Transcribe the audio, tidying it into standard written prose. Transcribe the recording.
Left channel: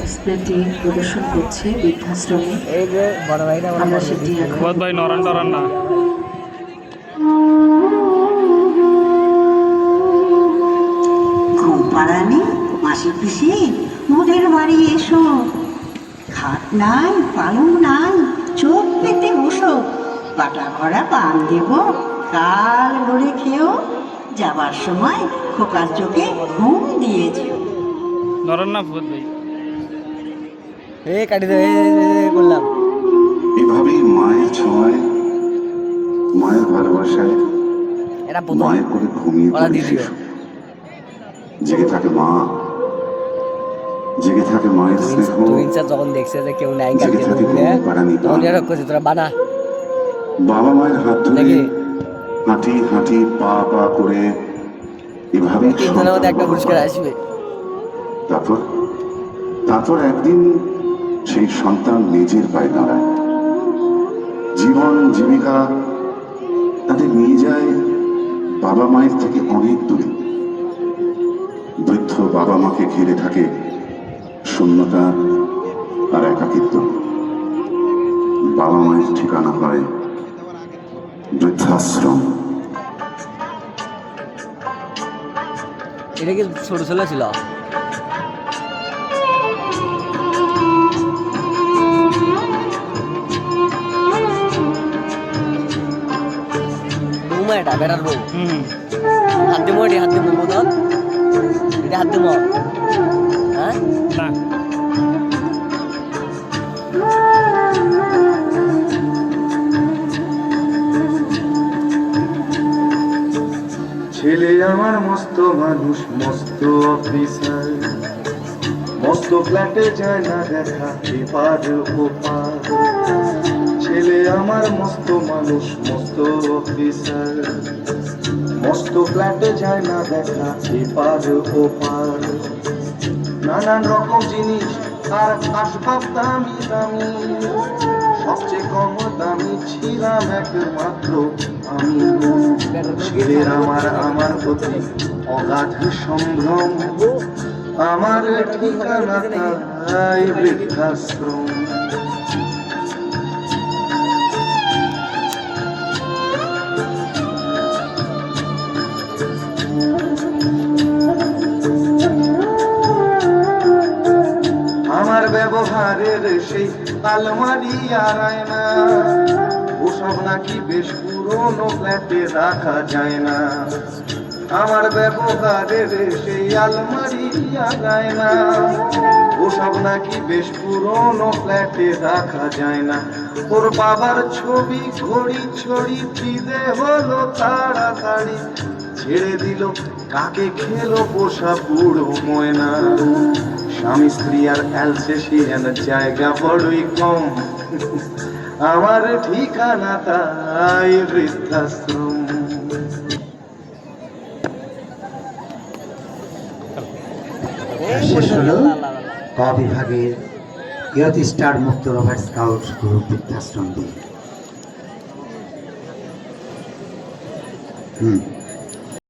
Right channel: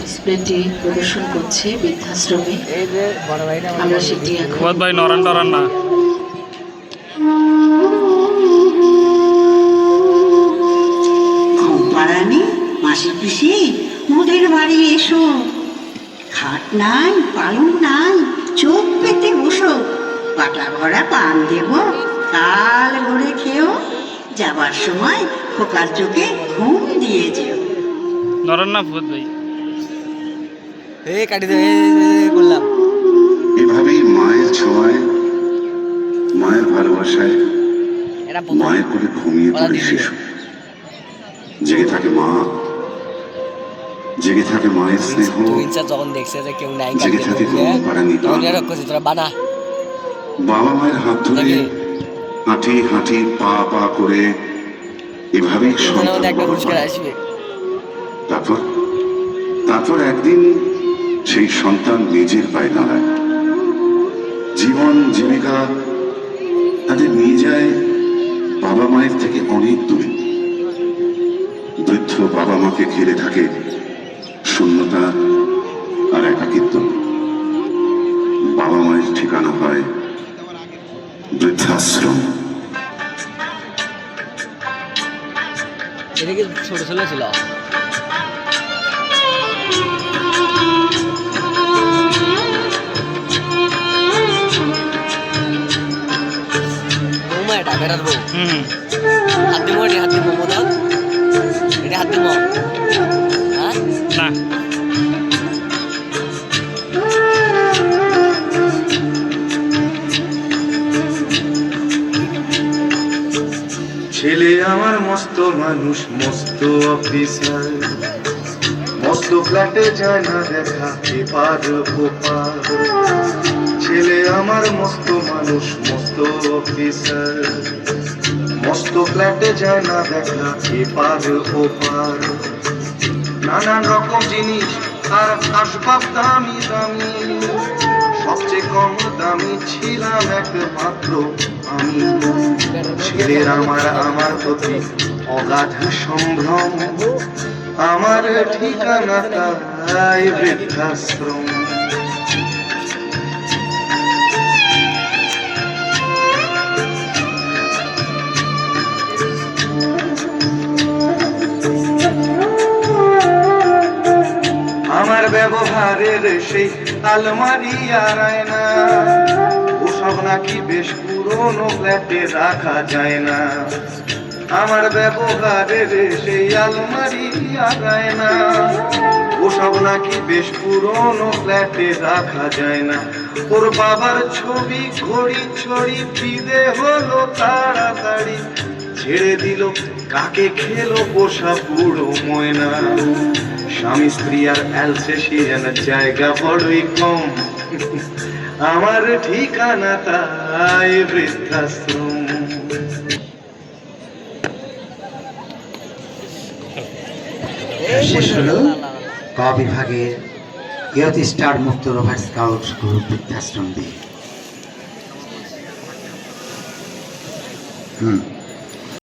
ডিসপ্লেটি প্রদর্শন করছে বৃদ্ধাশ্রমে। আমরা সেটি এখন ভাই নরান টরান না ঘুমপাড়ানি মাসি পিসি মোদের বাড়ি এসো। খাট নাই পালং নাই, চোখ পেতে বসো। পাটা ভরা পান দেব, কাল ভরে খেও। যাবার সময় খোকার চোখে ঘুম দিয়ে যেও। নরান না ফুয়াদ ভাই কাটি দে করলাম। এভাবেই মায়ের ছোঁয়ায়, মায়ের ভালোবাসায়, মায়ের করে ঘুমিয়ে পড়ে শিশু। জেগে থাকে মা, জেগে থাকে মায়ের স্নেহ, যখন দেখছে যে কেউ নাই, জেগে থাকে তোরা বানা। বাবা মায়ের হাত ধরে হাঁটি হাঁটি পা পা করে এভাবেই একটা পুরস্কার আসবে। তারপর তারপর একদিন সেই সন্তান নিজের পায়ে দাঁড়ায়। জীবন জীবিকা তাদের নিয়ে যায় বাবা মায়ের থেকে অনেক দূরে। বৃদ্ধ বাবা মাকে ঘিরে থাকে শূন্যতা আর একাকিত্ব। বাবা মায়ের ঠিকানা হয় বৃদ্ধাশ্রম। এটা কি ছোট ছেলে ছিল? এটা বেড়ার বউ। হাত দিব, হাত দিব দাও, এটা হাত দিব। হ্যাঁ না ছেলে আমার মস্ত মানুষ, মস্ত অফিসার, মস্ত ফ্ল্যাটে যায় না দেখা এপার ওপার। ছেলে আমার মস্ত মানুষ, মস্ত অফিসার, মস্ত ফ্ল্যাটে যায় না দেখা এপার ওপার। নানান রকম জিনিস আর আসবাব দামি দামি, সবচেয়ে কম দামি ছিলাম একমাত্র আমি। ছেলের আমার প্রতি অগাধ সম্ভ্রম, আমার ঠিকানা তাই বৃদ্ধাশ্রম। আমার ব্যবহারের সেই আলমারি আর আয়না, ওসব নাকি বেশ পুরনো ফ্ল্যাটে রাখা যায় না। আমার ব্যবহারের সেই আলমারি আর আয়না, ওসব নাকি বেশ পুরনো ফ্ল্যাটে রাখা যায় না। ওর বাবার ছবি ঘড়ি ছড়ি ফিদে হলো তাড়াতাড়ি, ছেড়ে দিল কাকে খেলো পোষা বুড়ো ময়না। স্বামী স্ত্রী আর অ্যালসেশিয়ানের জায়গা বড়ই কম, আমার ঠিকানা তাই বৃদ্ধাশ্রম। শেষ হলো ক বিভাগের ইয়ত স্টার মুক্ত রোভার স্কাউট গ্রুপ বৃদ্ধাশ্রম দিয়ে।